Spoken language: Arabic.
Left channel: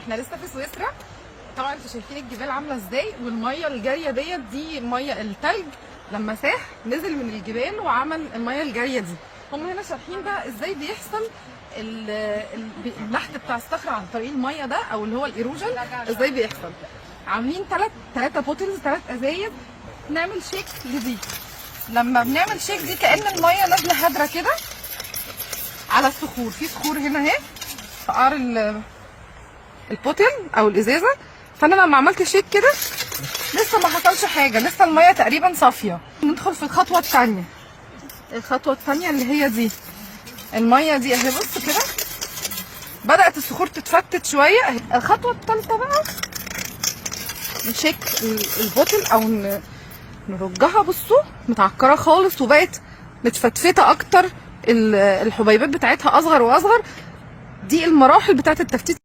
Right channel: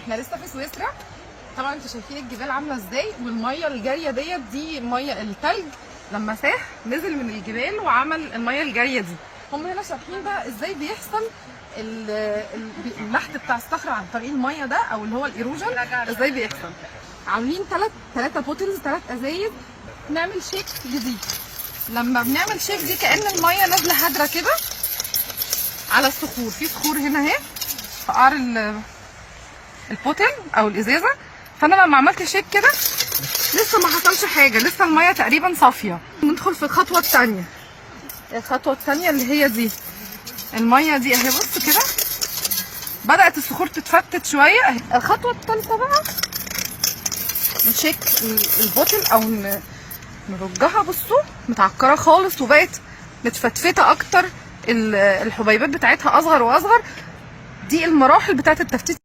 احنا لسه في سويسرا. طبعا انتوا شايفين الجبال عامله ازاي، والميه اللي جايه ديت دي ميه التلج لما ساح نزل من الجبال وعمل الميه الجايه دي. هم هنا شارحين بقى ازاي بيحصل اللحت بتاع الصخره عن طريق الميه ده، او اللي هو الايروجن ازاي بيحصل. عاملين ثلاثه بوتلز، 3 ازايز نعمل شيك جديد. لما بنعمل شيك دي كأن الميه نازله هدره كده على الصخور. في صخور هنا اهي في قعر البوتل او الازازه. فانا لما عملت شيك كده لسه ما حصلش حاجه، لسه الميه تقريبا صافيه. ندخل في الخطوه الثانيه. الخطوه الثانيه اللي هي دي، الميه دي اهي بص كده بدات الصخور تتفتت شويه. الخطوه الثالثه بقى نشيك البوتل او نرجها. بصوا متعكره خالص وبقت متفتفته اكتر، الحبيبات بتاعتها اصغر واصغر. دي المراحل بتاعت التفتيت.